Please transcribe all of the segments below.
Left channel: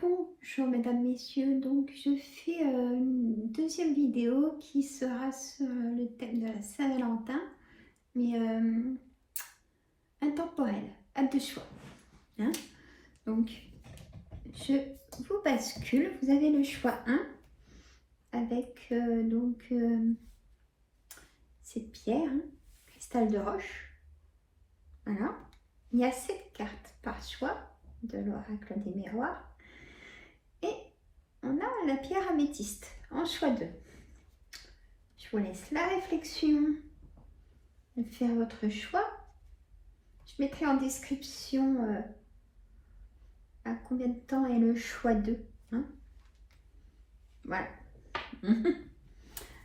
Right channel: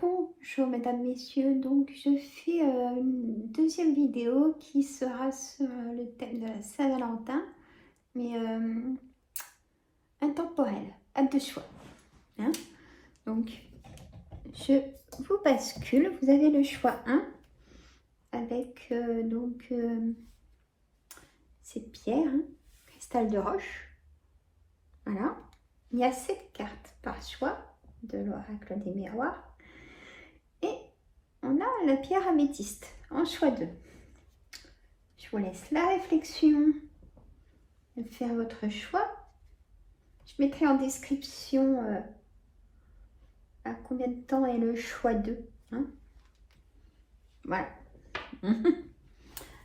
Bonjour mesdames, messieurs, donc je fais une deuxième vidéo qui sera sur le thème de la Saint-Valentin, mais intemporel, à deux choix. Hein. Donc je vous bascule, vous avez le choix 1 avec ces pierres, hein, cristal de roche. Voilà, il y a 7 cartes par choix de l'oracle des miroirs. Et on a la pierre améthyste en choix 2. Je vous laisse la réflexion de faire votre choix. Je mettrai en description à combien de temps est le choix 2. Hein. Voilà.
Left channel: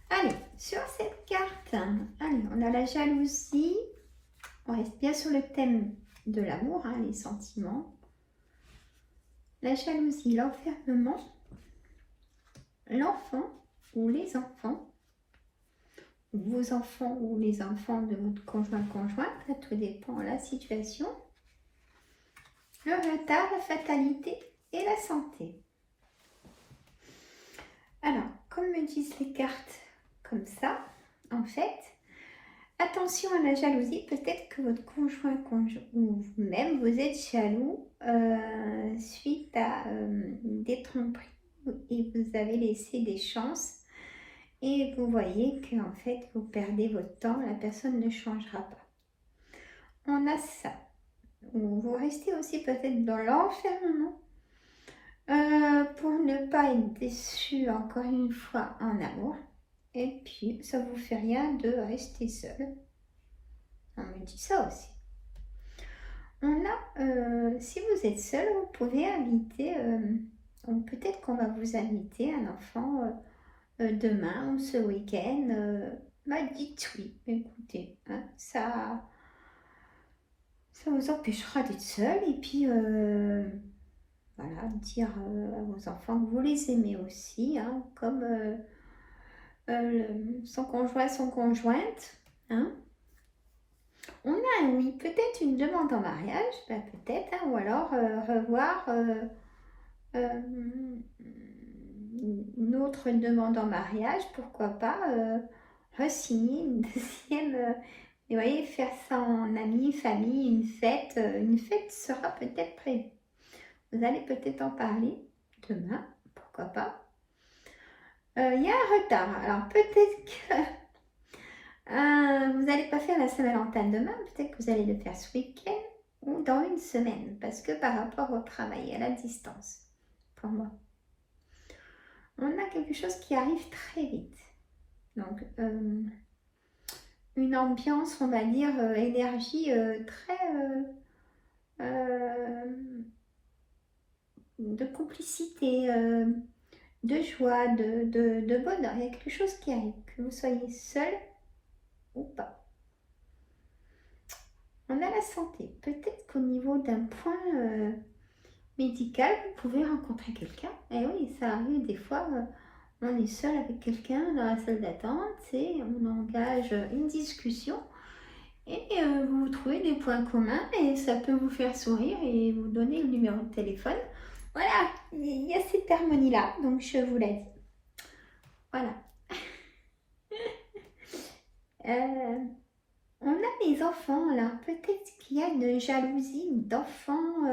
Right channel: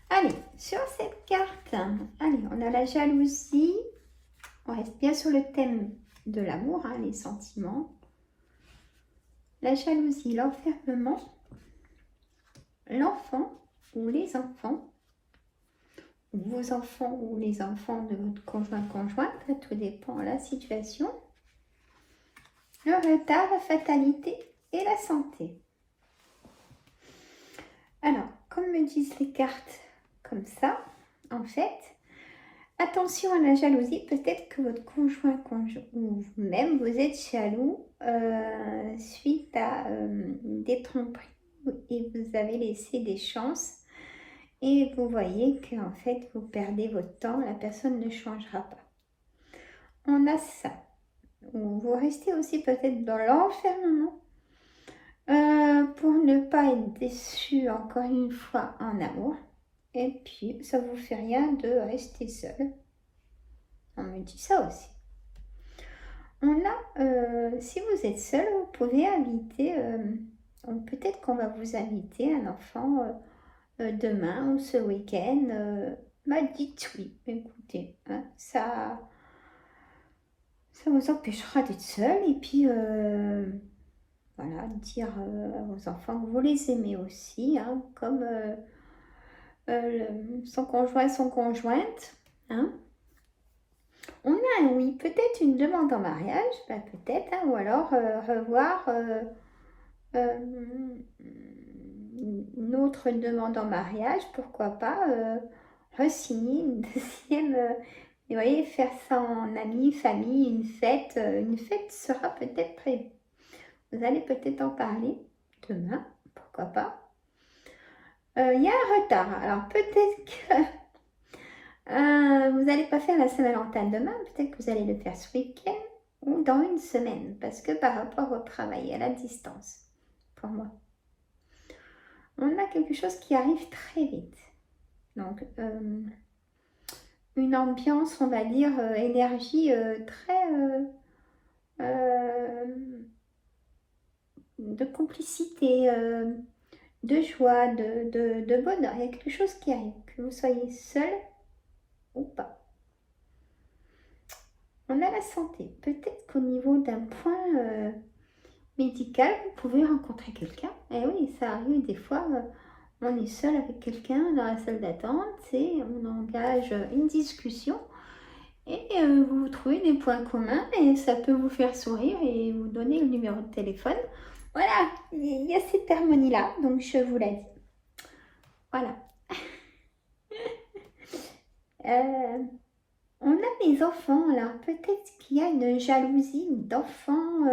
Allez, sur cette carte, allez, on a la jalousie. On reste bien sur le thème de l'amour, hein, les sentiments. La jalousie, l'enfermement, l'enfant ou les enfants, ou vos enfants ou les enfants de votre conjoint-conjointe, tout dépend de la situation, le retard, la fatalité et la santé. Alors, comme me disent les cartes comme ça, en fait, attention à la jalousie, peut-être que votre conjoint ou vous-même, vous êtes jaloux suite à des tromperies et vous avez laissé des chances et vous voyez qu'en fait vous perdez votre temps, la personne ne changera pas. On a ça. Ou vous restez aussi peut-être dans l'enfermement pour ne pas être déçu encore une fois en amour. Et puis ça vous fait rien de rester seul. On me dit ça aussi. On a, si vous êtes seul, vous pouvez inviter, peut-être qu'on va vous inviter un enfant demain ou ce week-end. Dites oui, écoutez, hein, ça vous empêchera d'être seul et puis voilà, dire à vos enfants que vous les aimez aussi, hein, comme son conjoint, son conjointe. Hein. On a un oui, peut-être une demande en mariage, ben peut-être, hein, ou alors revoir une autre demande en mariage, pourquoi pas re-signer une deuxième, vous voyez, faire ça en amis, famille, une fête sera peut-être prévue. Vous allez peut-être en parler demain, pourquoi pas. Il y a un retard, alors peut-être que vous n'allez pas faire la Saint-Valentin demain, peut-être que vous allez le faire ce week-end ou dans une semaine, parce que par rapport au travail, à la distance, pour moi, on a quelque chose qui arrive très vite. Donc, une ambiance, on va dire, énergie très de complicité, de joie, de bonheur. Il y a quelque chose qui arrive, que vous soyez seul ou pas. On a la santé. Peut-être qu'au niveau d'un point médical, vous pouvez rencontrer quelqu'un. Et oui, ça arrive des fois, on est seul avec quelqu'un dans la salle d'attente et on engage une discussion et vous trouvez des points communs et ça peut vous faire sourire et vous donner le numéro de téléphone. Voilà, il y a cette harmonie-là, donc je vous l'ai dit. Voilà. On a des enfants, alors peut-être qu'il y a une jalousie d'enfants,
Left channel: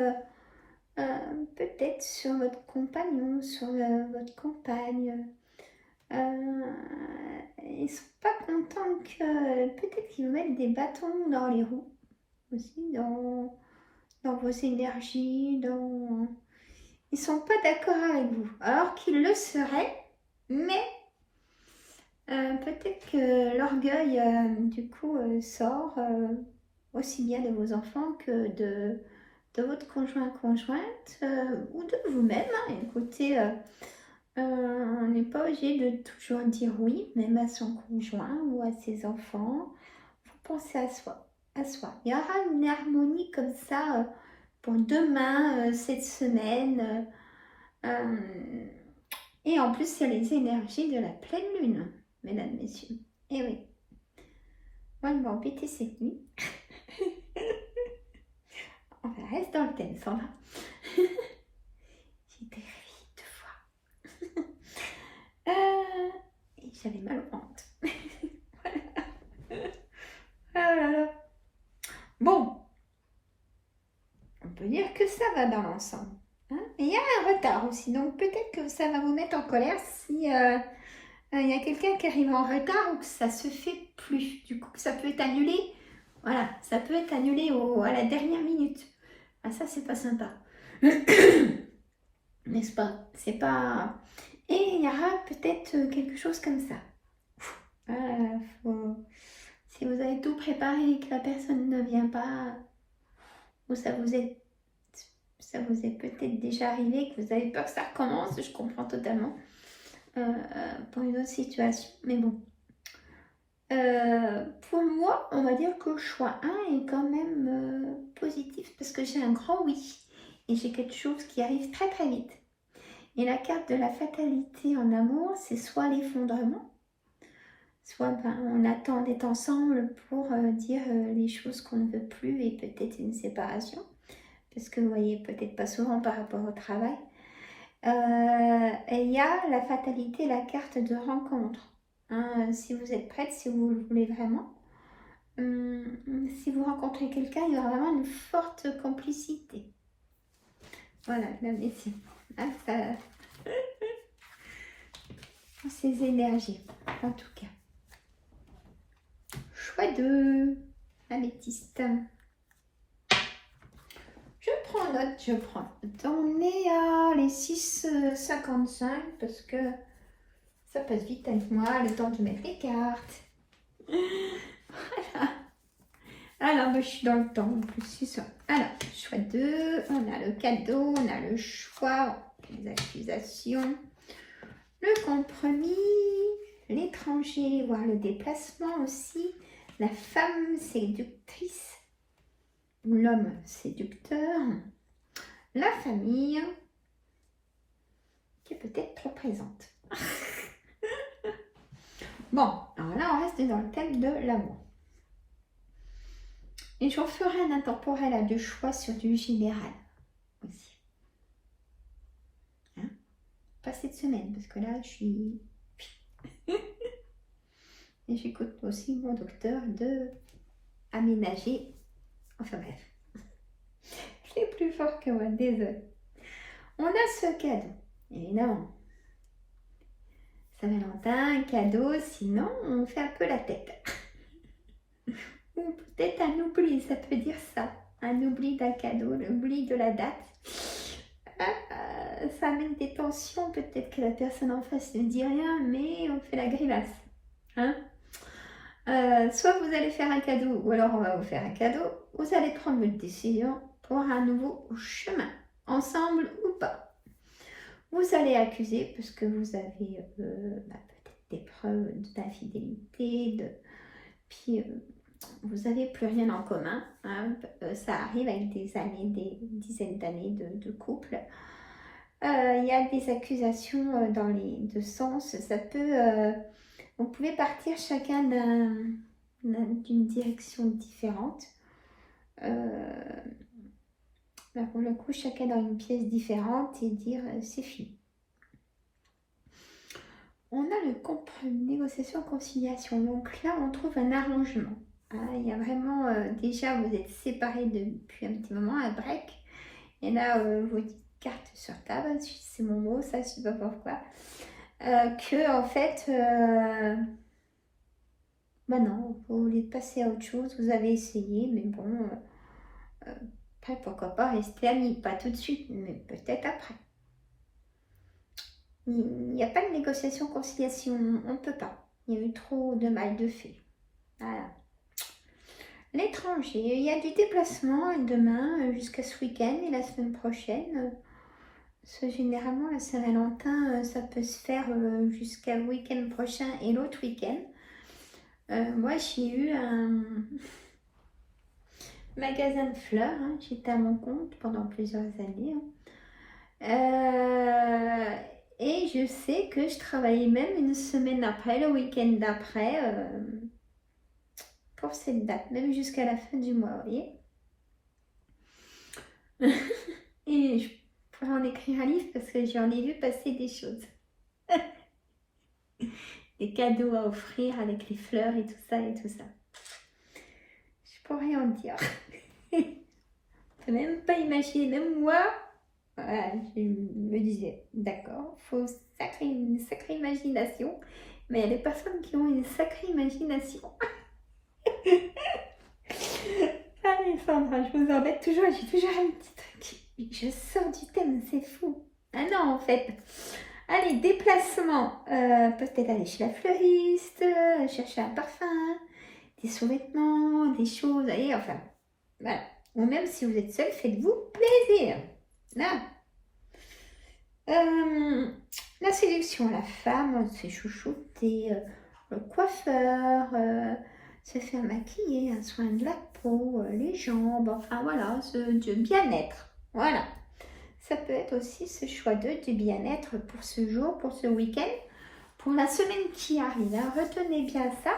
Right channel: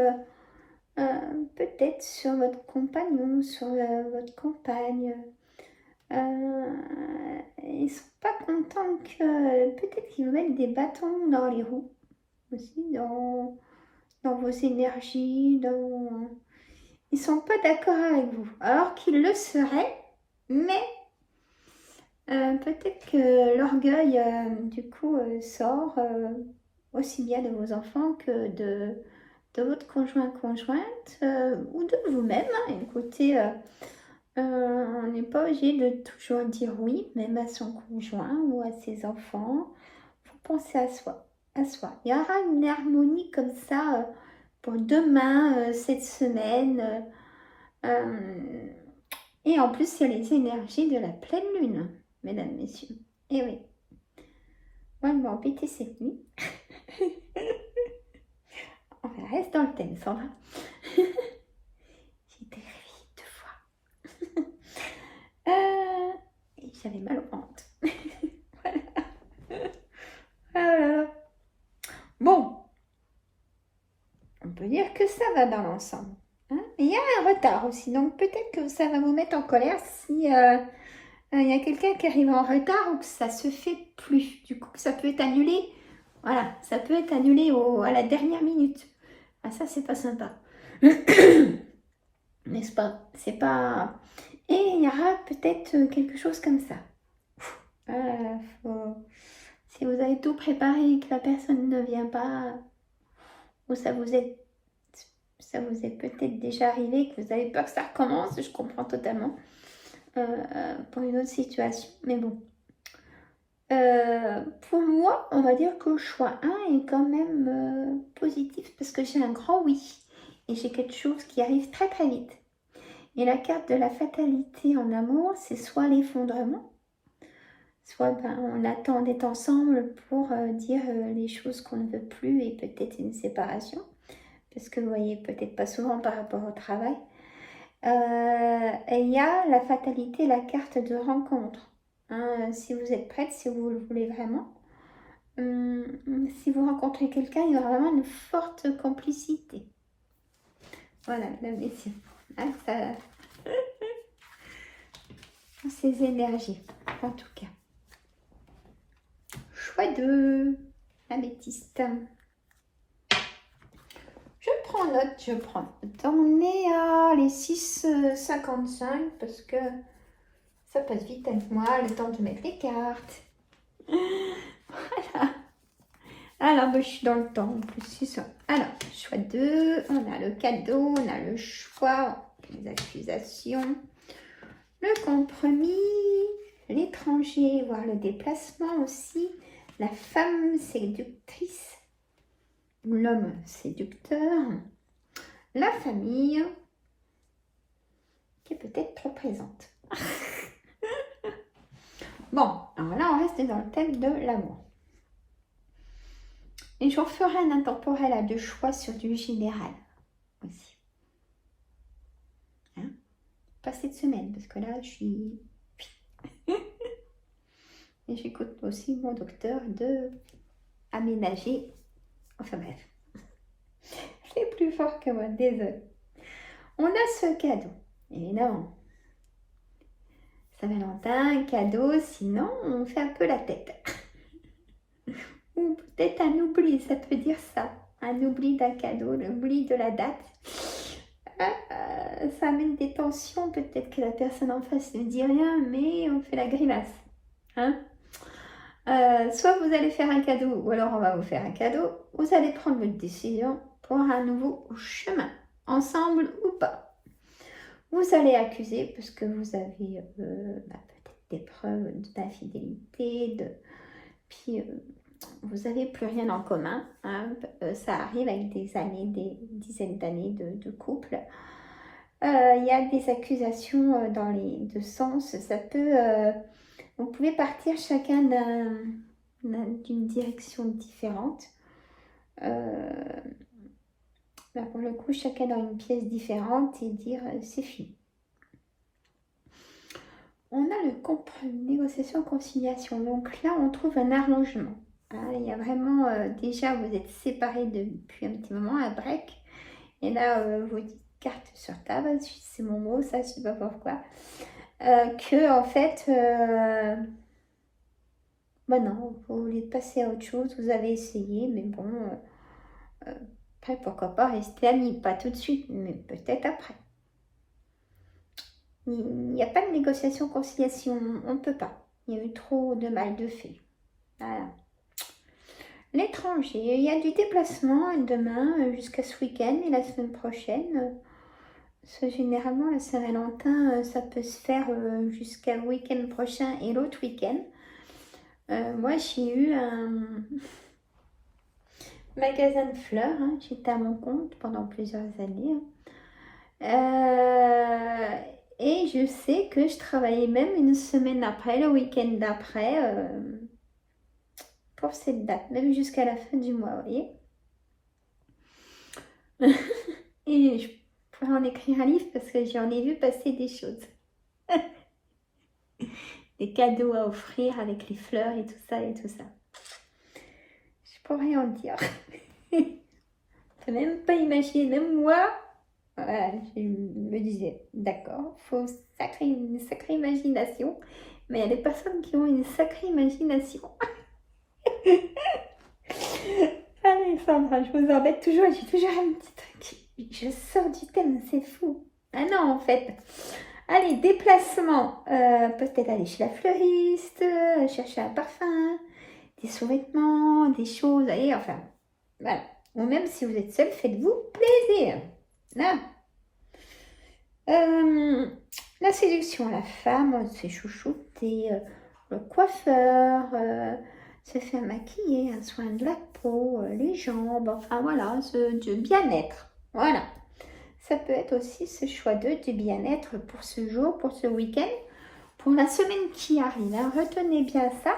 peut-être sur votre compagnon, sur votre compagne. Ils ne sont pas contents que peut-être qu'ils vous mettent des bâtons dans les roues aussi, dans vos énergies, ils ne sont pas d'accord avec vous, alors qu'ils le seraient, mais peut-être que l'orgueil du coup sort aussi bien de vos enfants que de votre conjointe ou de vous-même. Hein. Écoutez, on n'est pas obligé de toujours dire oui, même à son conjoint ou à ses enfants. Il faut penser à soi. Il y aura une harmonie comme ça pour demain, cette semaine. Et en plus, il y a les énergies de la pleine lune, mesdames, messieurs. Et oui. Moi, je vais embêter cette nuit. On reste dans le thème, Sandra. J'étais J'avais mal au ventre. Ah là là. Bon, on peut dire que ça va dans l'ensemble. Hein. Il y a un retard aussi, donc peut-être que ça va vous mettre en colère si il y a quelqu'un qui arrive en retard ou que ça se fait plus. Du coup, ça peut être annulé. Voilà, ça peut être annulé à la dernière minute. Ah, ça, c'est pas sympa. N'est-ce pas? C'est pas... Et il y aura peut-être quelque chose comme ça. Euh, faut- Si vous avez tout préparé et que la personne ne vient pas, ou ça vous est peut-être déjà arrivé, que vous avez peur que ça recommence, je comprends totalement, pour une autre situation. Mais bon, pour moi, on va dire que le choix 1 est quand même positif, parce que j'ai un grand oui, et j'ai quelque chose qui arrive très très vite. Et la carte de la fatalité en amour, c'est soit l'effondrement, soit on attend d'être ensemble pour dire les choses qu'on ne veut plus et peut-être une séparation, parce que vous voyez peut-être pas souvent par rapport au travail. Et il y a la fatalité, la carte de rencontre. Hein, si vous êtes prête, si vous le voulez vraiment. Si vous rencontrez quelqu'un, il y aura vraiment une forte complicité. Voilà, la médecine. Ah, ça... Ces énergies, en tout cas. Choix 2, améthyste. Je prends note, je prends note. On est à les 6h55 parce que ça passe vite avec moi, le temps de mettre les cartes. Voilà. Alors, je suis dans le temps en plus, c'est ça. Alors, choix 2, on a le cadeau, on a le choix, les accusations, le compromis, l'étranger, voire le déplacement aussi, la femme séductrice, ou l'homme séducteur, la famille, qui est peut-être trop présente. Bon, alors là, on reste dans le thème de l'amour. Et je ferai un intemporel à 2 choix sur du général aussi. Hein? Pas cette semaine, parce que là, je suis... Et j'écoute aussi mon docteur de aménager. Enfin bref. C'est plus fort que moi, désolé. On a ce cadeau, évidemment. Saint-Valentin, cadeau, sinon on fait un peu la tête. Ou peut-être un oubli, ça peut dire ça. Un oubli d'un cadeau, l'oubli de la date. Ça amène des tensions, peut-être que la personne en face ne dit rien, mais on fait la grimace. Hein? Soit vous allez faire un cadeau, ou alors on va vous faire un cadeau. Vous allez prendre une décision pour un nouveau chemin, ensemble ou pas. Vous allez accuser parce que vous avez peut-être des preuves d'infidélité, puis vous n'avez plus rien en commun. Hein. Ça arrive avec des années, des dizaines d'années de couple. Il y a des accusations dans les deux sens. Ça peut, vous pouvez partir chacun d'une direction différente. Pour le coup, chacun dans une pièce différente et dire c'est fini. On a le négociation, conciliation. Donc là, on trouve un arrangement. Il y a vraiment, déjà, vous êtes séparés depuis un petit moment, un break. Et là, vous dites carte sur table, c'est mon mot, ça, je sais pas pourquoi. Que, en fait, non, vous voulez passer à autre chose, vous avez essayé, mais bon, après, pourquoi pas rester amis, pas tout de suite, mais peut-être après. Il n'y a pas de négociation, conciliation, on ne peut pas. Il y a eu trop de mal de fait. Voilà. L'étranger, il y a du déplacement demain jusqu'à ce week-end et la semaine prochaine. Généralement, la Saint-Valentin, ça peut se faire jusqu'à le week-end prochain et l'autre week-end. Moi, j'ai eu un magasin de fleurs. Hein. J'étais à mon compte pendant plusieurs années. Et je sais que je travaillais même une semaine après, le week-end d'après, pour cette date, même jusqu'à la fin du mois, vous voyez. Et je pourrais en écrire un livre parce que j'en ai vu passer des choses. des cadeaux à offrir avec les fleurs et tout ça et tout ça. Je pourrais rien en dire. Je peux même pas imaginer, même moi, voilà, je me disais, d'accord, il faut une sacrée imagination, mais il y a des personnes qui ont une sacrée imagination. Alexandra, je vous embête toujours, j'ai toujours un petit truc. Je sors du thème, c'est fou. Ah non, en fait. Allez, déplacement. Peut-être aller chez la fleuriste, chercher un parfum, des sous-vêtements, des choses. Allez, enfin, voilà. Ou même si vous êtes seul, faites-vous plaisir. Là. La séduction, la femme, on se fait chouchouter, le coiffeur, se faire maquiller, un soin de la peau, les jambes, enfin voilà, du bien-être. Voilà. Ça peut être aussi ce choix d'eux du bien-être pour ce jour, pour ce week-end, pour la semaine qui arrive. Hein. Retenez bien ça.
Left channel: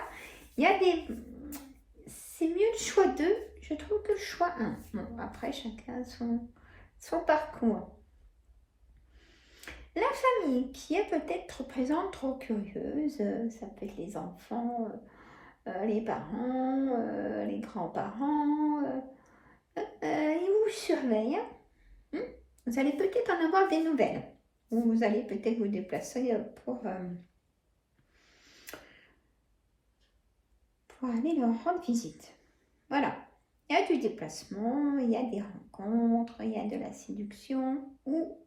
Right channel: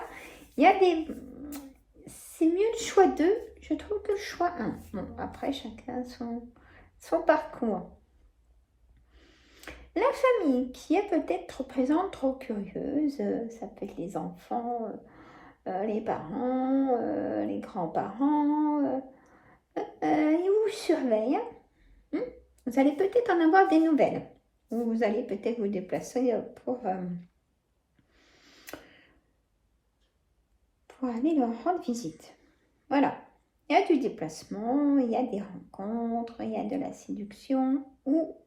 Il y a des... C'est mieux le choix 2, je trouve, que le choix 1. Bon, après, chacun son parcours. La famille qui est peut-être trop présente, trop curieuse, ça peut être les enfants, les parents, les grands-parents, ils vous surveillent. Hein. Vous allez peut-être en avoir des nouvelles. Ou vous allez peut-être vous déplacer pour aller leur rendre visite. Voilà. Il y a du déplacement, il y a des rencontres, il y a de la séduction ou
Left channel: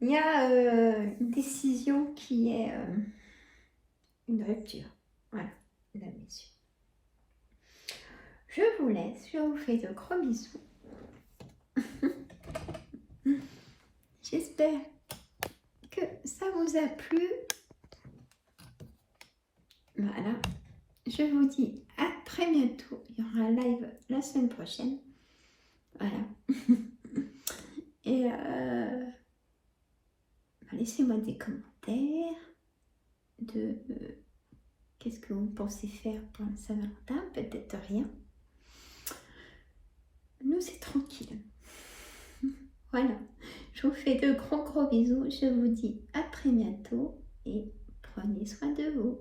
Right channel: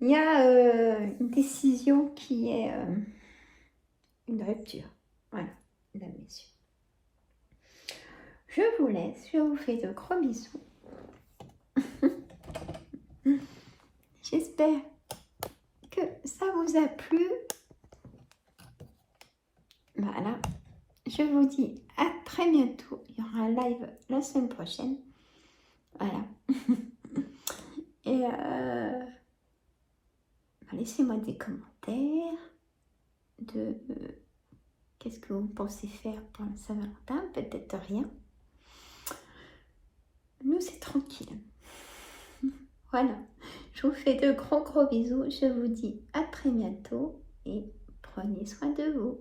il y a une décision qui est une rupture. Voilà, mesdames, messieurs. Je vous laisse, je vous fais de gros bisous. J'espère que ça vous a plu. Voilà. Je vous dis à très bientôt. Il y aura un live la semaine prochaine. Voilà. Et laissez-moi des commentaires de qu'est-ce que vous pensez faire pour la Saint-Valentin. Peut-être rien. Nous, c'est tranquille. Voilà. Je vous fais de gros bisous. Je vous dis à très bientôt et prenez soin de vous.